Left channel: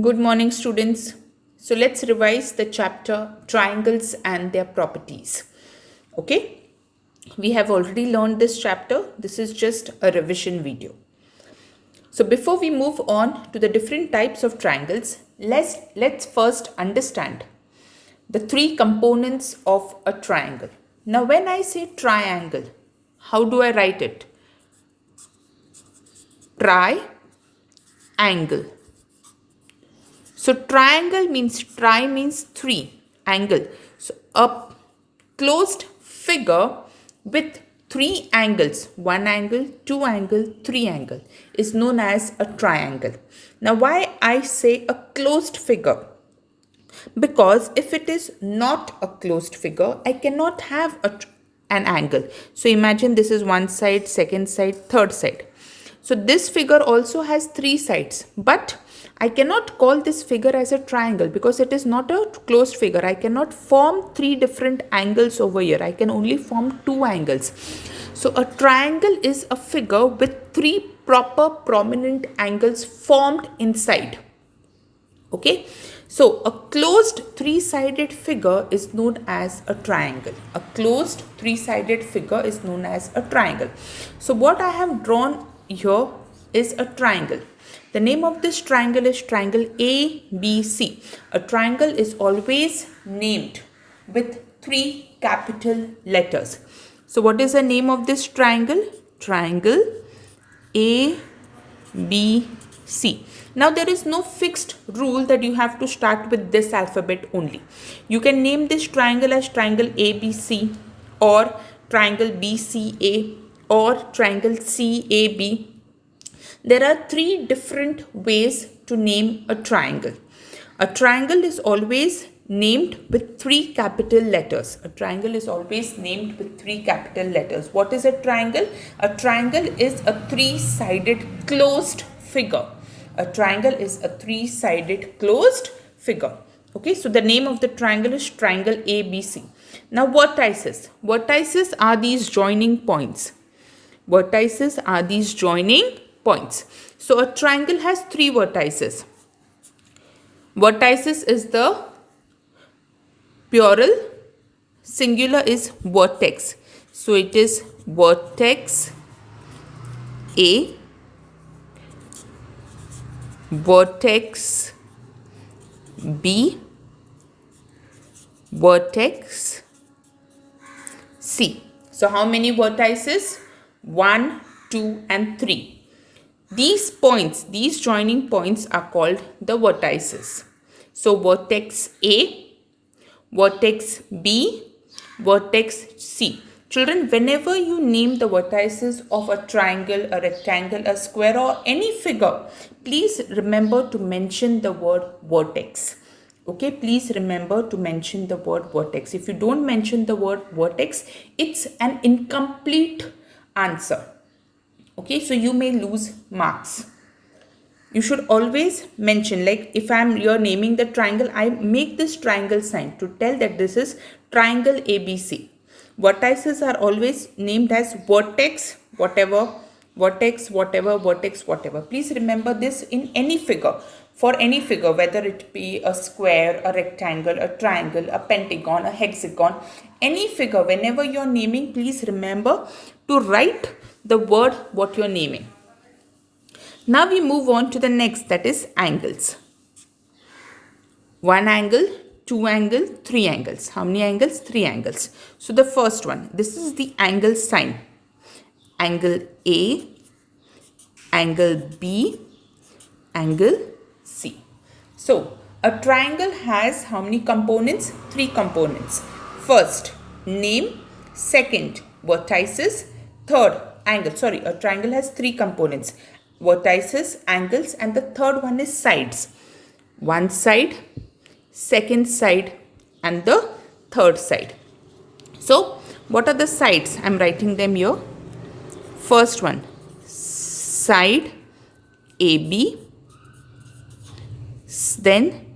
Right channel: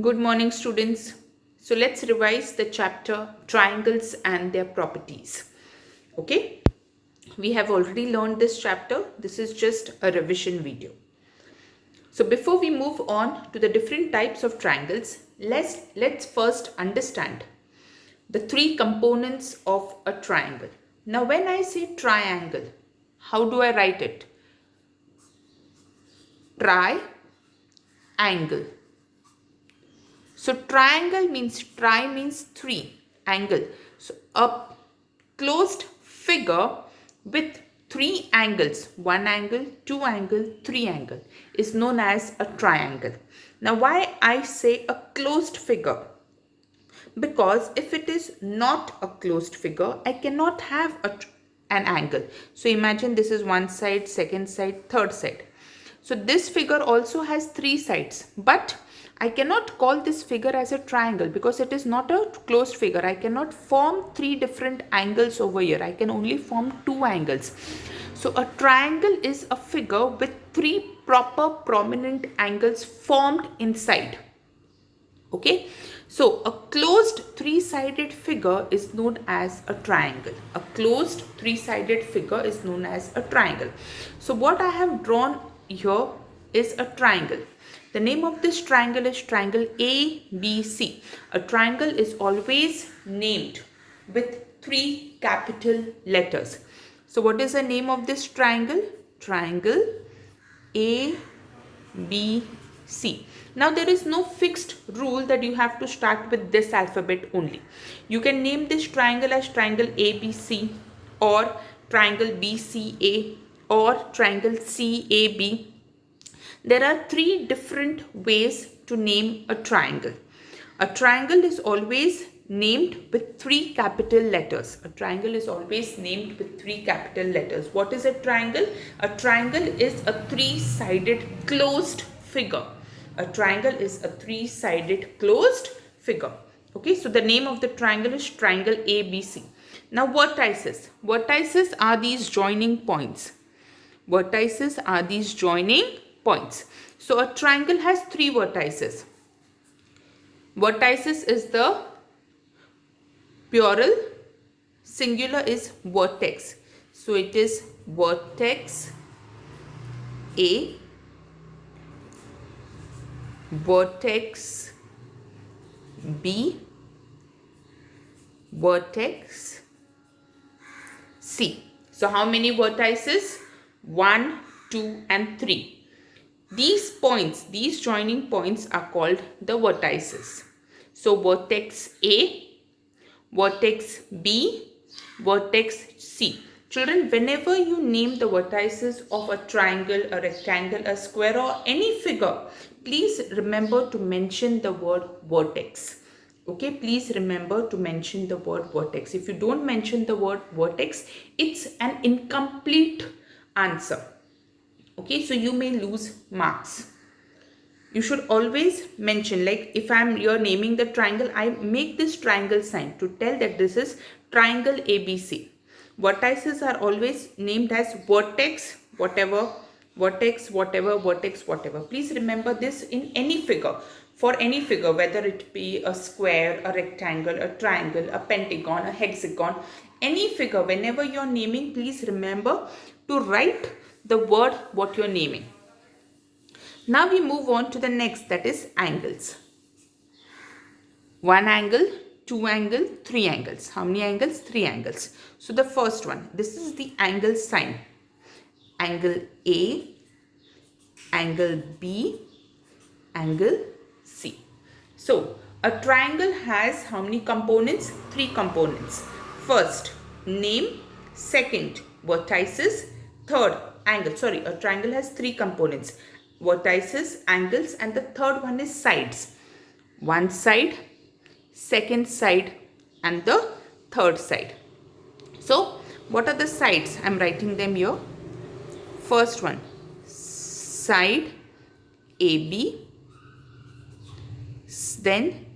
Good morning, students. So let's revise the chapter triangles and their properties. Okay, we have already learned this chapter. This is just a revision video. So before we move on to the different types of triangles, let's first understand the three components of a triangle. Now, when I say triangle, how do I write it? Tri-angle. So triangle means three, angle. So a closed figure with three angles, one angle, two angle, three angle is known as a triangle. Now why I say a closed figure? Because if it is not a closed figure, I cannot have an angle. So imagine this is one side, second side, third side. So this figure also has three sides, but I cannot call this figure as a triangle because it is not a closed figure. I cannot form three different angles over here. I can only form two angles. So a triangle is a figure with three proper prominent angles formed inside. Okay, so a closed three-sided figure is known as a triangle. A closed three-sided figure is known as a triangle. So what I have drawn here is a triangle. The name of this triangle is triangle ABC. A triangle is always named with three capital letters. So what is the name of this triangle? Triangle ABC. Now there is no fixed rule that you have to start with this alphabet only. You can name this triangle as triangle ABC or triangle BCA or triangle CAB. There are three different ways to name a triangle. A triangle is always named with three capital letters. A triangle is always named with three capital letters. What is a triangle? A triangle is a three-sided closed figure. A triangle is a three-sided closed figure. Okay, so the name of the triangle is triangle ABC. Now vertices. Vertices are these joining points. Vertices are these joining points. So a triangle has three vertices. Vertices is the plural, singular is vertex. So it is vertex A, vertex B, vertex C. So how many vertices? 1, 2 and 3. These points, these joining points are called the vertices. So vertex A, vertex B, vertex C. Children, whenever you name the vertices of a triangle, a rectangle, a square or any figure, please remember to mention the word vertex. Okay, please remember to mention the word vertex. If you don't mention the word vertex, it's an incomplete answer. Okay, so you may lose marks. You should always mention, like if you're naming the triangle, I make this triangle sign to tell that this is triangle ABC. Vertices are always named as vertex, whatever, vertex, whatever, vertex, whatever. Please remember this in any figure. For any figure, whether it be a square, a rectangle, a triangle, a pentagon, a hexagon, any figure, whenever you're naming, please remember to write the word what you're naming. Now we move on to the next, that is angles. One angle, two angle, three angles. How many angles? Three angles. So the first one, this is the angle sign. Angle A, angle B, angle C. So a triangle has how many components? Three components. First, name. Second, vertices. Third, angle. Sorry, a triangle has three components. Vertices, angles, and the third one is sides. One side, second side, and the third side. So what are the sides? I am writing them here. First one, side AB, then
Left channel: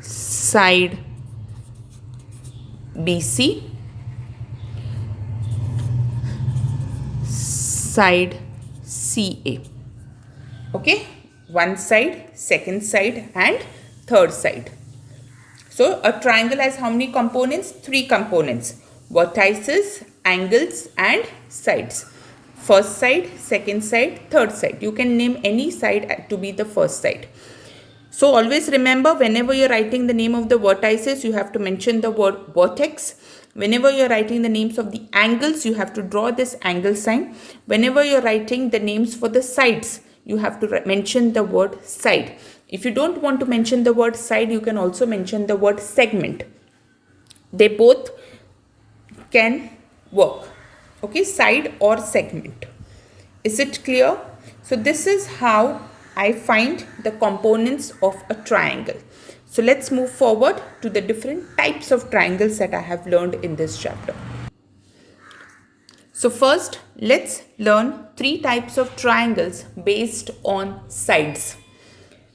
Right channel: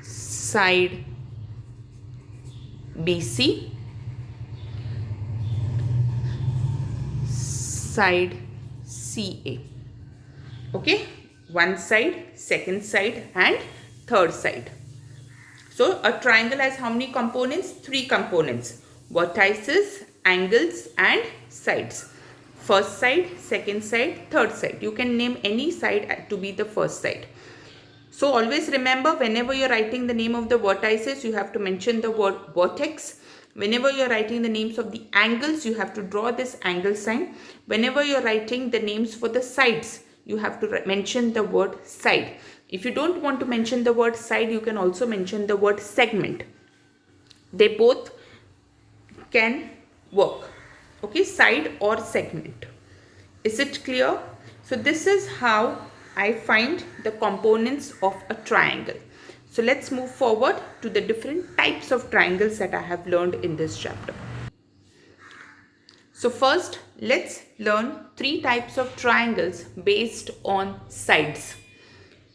side BC, side CA. Okay, one side, second side and third side. So a triangle has how many components? Three components: vertices, angles and sides. First side, second side, third side. You can name any side to be the first side. So always remember, whenever you're writing the name of the vertices, you have to mention the word vertex. Whenever you're writing the names of the angles, you have to draw this angle sign. Whenever you're writing the names for the sides, you have to mention the word side. If you don't want to mention the word side, you can also mention the word segment. They both can work. Okay, side or segment. Is it clear? So this is how I find the components of a triangle. So let's move forward to the different types of triangles that I have learned in this chapter. So first, let's learn three types of triangles based on sides.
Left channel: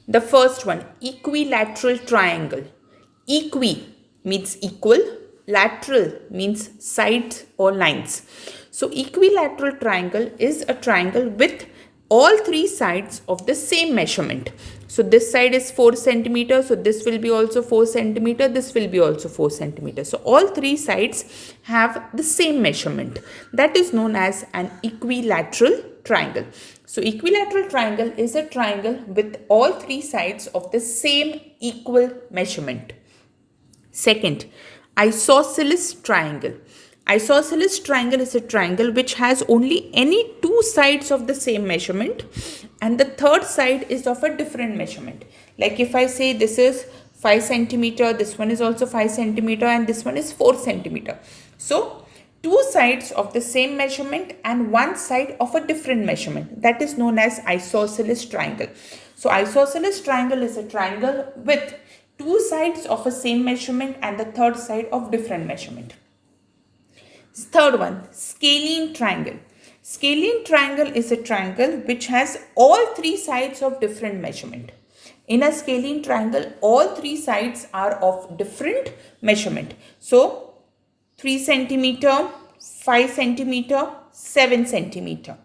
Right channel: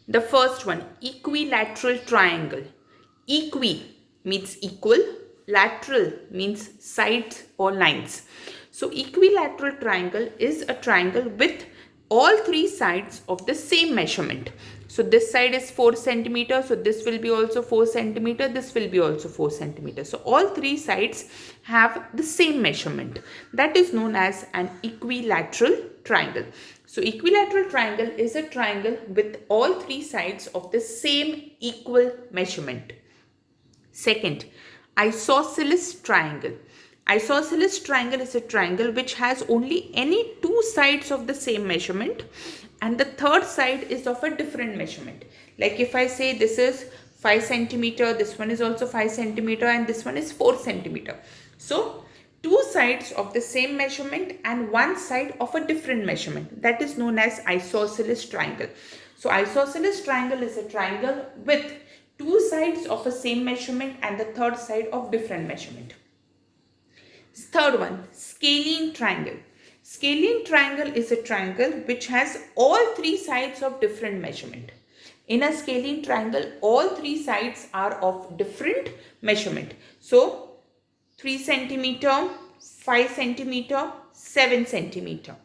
The first one, equilateral triangle. Equi means equal, lateral means sides or lines. So equilateral triangle is a triangle with all three sides of the same measurement. So this side is 4 centimeter, so this will be also 4 centimeter, this will be also 4 centimeter. So all three sides have the same measurement. That is known as an equilateral triangle. So equilateral triangle is a triangle with all three sides of the same equal measurement. Second, isosceles triangle. Isosceles triangle is a triangle which has only any two sides of the same measurement and the third side is of a different measurement. Like if I say this is 5 centimeter, this one is also 5 centimeter and this one is 4 centimeter. So two sides of the same measurement and one side of a different measurement. That is known as isosceles triangle. So isosceles triangle is a triangle with two sides of a same measurement and the third side of different measurement. Third one, scalene triangle. Scalene triangle is a triangle which has all three sides of different measurement. In a scalene triangle, all three sides are of different measurement. So 3 centimeter, 5 centimeter, 7 centimeter.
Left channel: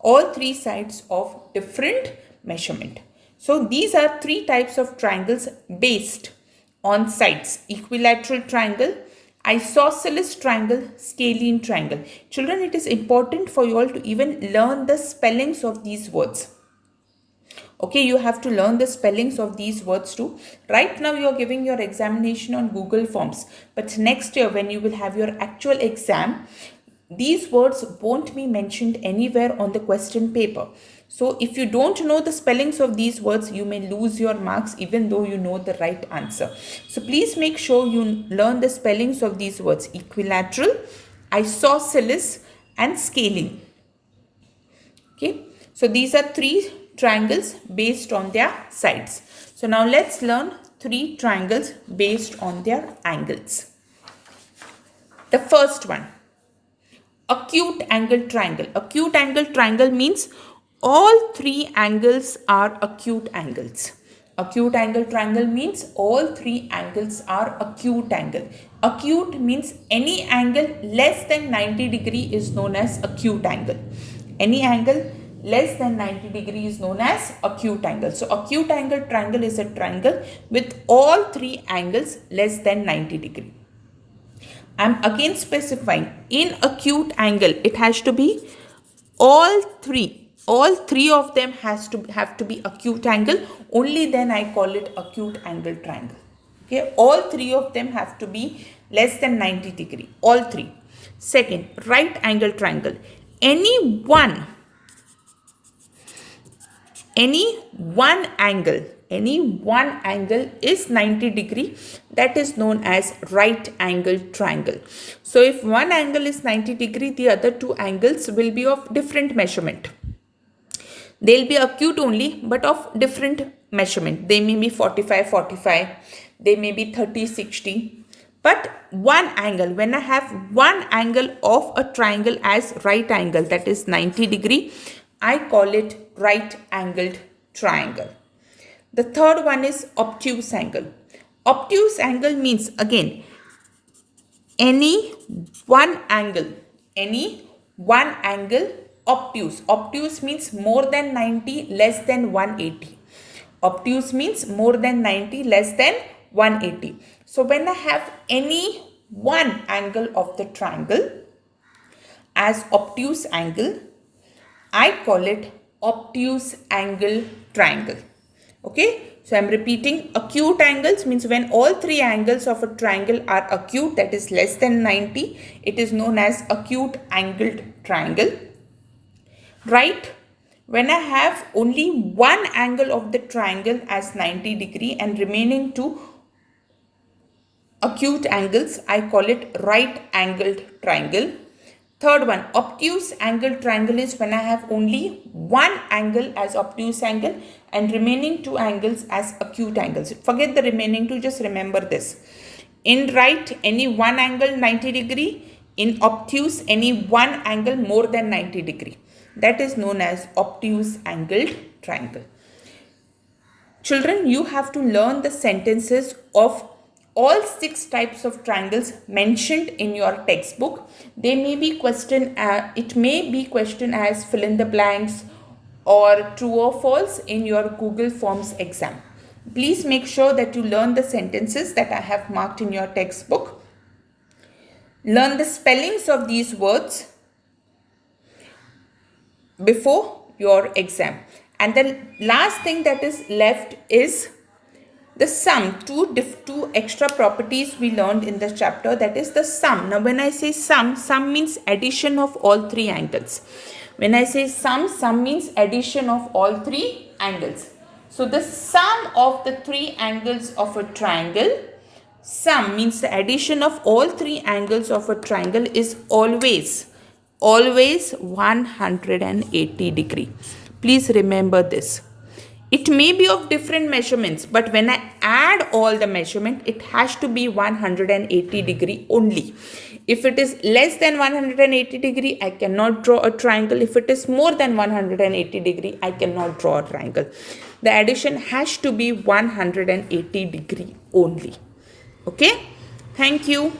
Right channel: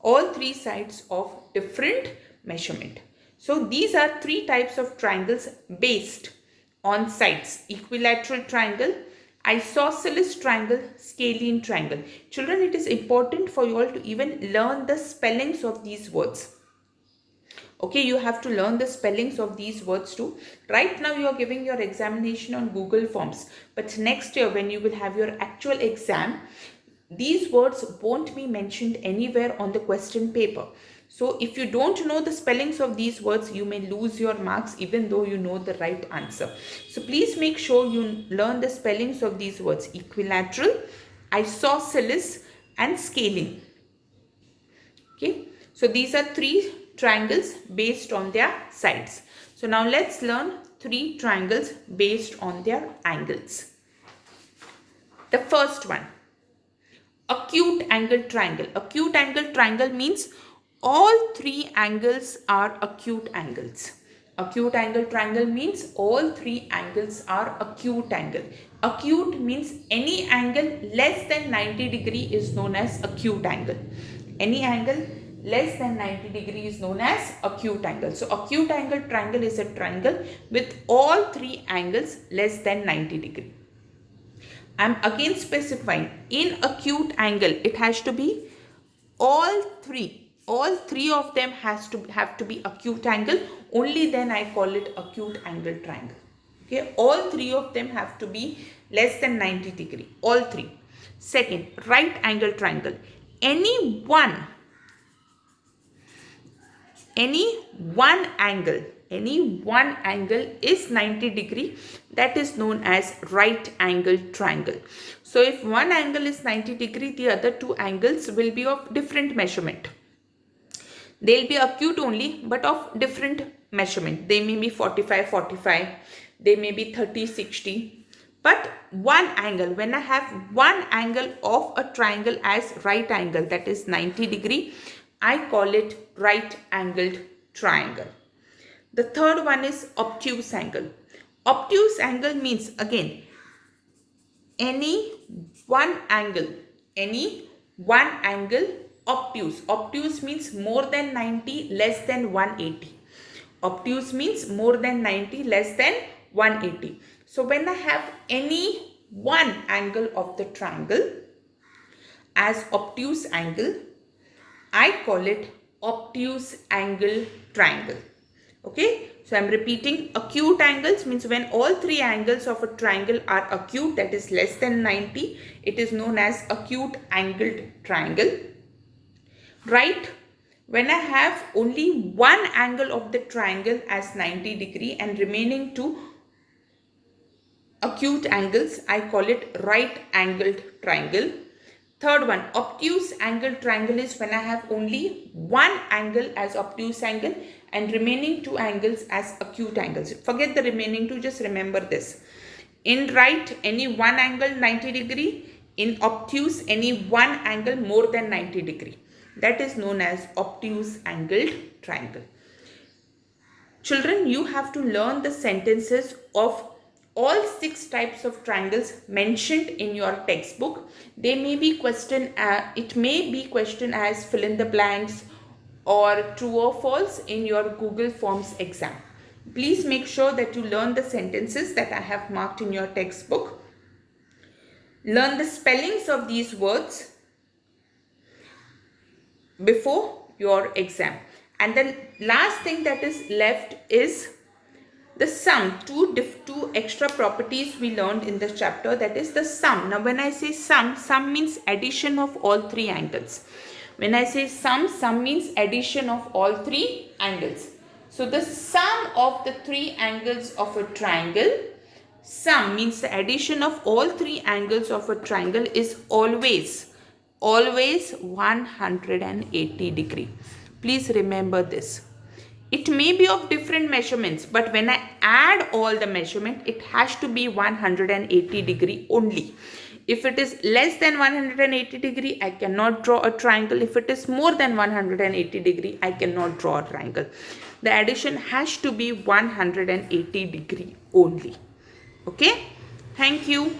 All three sides of different measurement. So these are three types of triangles based on sides: equilateral triangle, isosceles triangle, scalene triangle. Children, it is important for you all to even learn the spellings of these words. Okay, you have to learn the spellings of these words too. Right now you are giving your examination on Google Forms, but next year when you will have your actual exam, these words won't be mentioned anywhere on the question paper. So if you don't know the spellings of these words, you may lose your marks even though you know the right answer. So please make sure you learn the spellings of these words: equilateral, isosceles and scalene. Okay, so these are three triangles based on their sides. So now let's learn three triangles based on their angles. The first one, acute angle triangle. Acute angle triangle means all three angles are acute angles. Acute angle triangle means all three angles are acute angle. Acute means any angle less than 90 degree is known as acute angle. Any angle less than 90 degree is known as acute angle. So acute angle triangle is a triangle with all three angles less than 90 degree. I am again specifying, in acute angle it has to be all three of them have to be acute angle. Only then I call it acute angle triangle. Okay, all three of them have to be less than 90 degree, all three. Second, right angle triangle. Any one angle is 90 degree, that is known as right angle triangle. So if one angle is 90 degree, the other two angles will be of different measurement. They'll be acute only, but of different measurement. They may be 45, they may be 30, 60. But one angle, when I have one angle of a triangle as right angle, that is 90 degree, I call it right angled triangle. The third one is obtuse angle. Obtuse angle means, again, any one angle obtuse. Obtuse means more than 90, less than 180. Obtuse means more than 90, less than 180. So when I have any one angle of the triangle as obtuse angle, I call it obtuse angle triangle. Okay, so I'm repeating, acute angles means when all three angles of a triangle are acute, that is less than 90, it is known as acute angled triangle. Right? When I have only one angle of the triangle as 90 degree and remaining two acute angles, I call it right angled triangle. Third one, obtuse angle triangle is when I have only one angle as obtuse angle and remaining two angles as acute angles. Forget the remaining two, just remember this. In right, any one angle 90 degree. In obtuse, any one angle more than 90 degree. That is known as obtuse angled triangle. Children, you have to learn the sentences of all 6 types of triangles mentioned in your textbook. They may be questioned, it may be questioned as fill in the blanks or true or false in your Google Forms exam. Please make sure that you learn the sentences that I have marked in your textbook. Learn the spellings of these words before your exam. And the last thing that is left is the sum. Two extra properties we learned in this chapter, that is the sum. Now when I say sum means addition of all three angles. When I say sum means addition of all three angles. So the sum of the three angles of a triangle, sum means the addition of all three angles of a triangle is always 180 degree. Please remember this. It may be of different measurements, but when I add all the measurement, it has to be 180 degree only. If it is less than 180 degree, I cannot draw a triangle. If it is more than 180 degree, I cannot draw a triangle. The addition has to be 180 degree only. Okay? Thank you.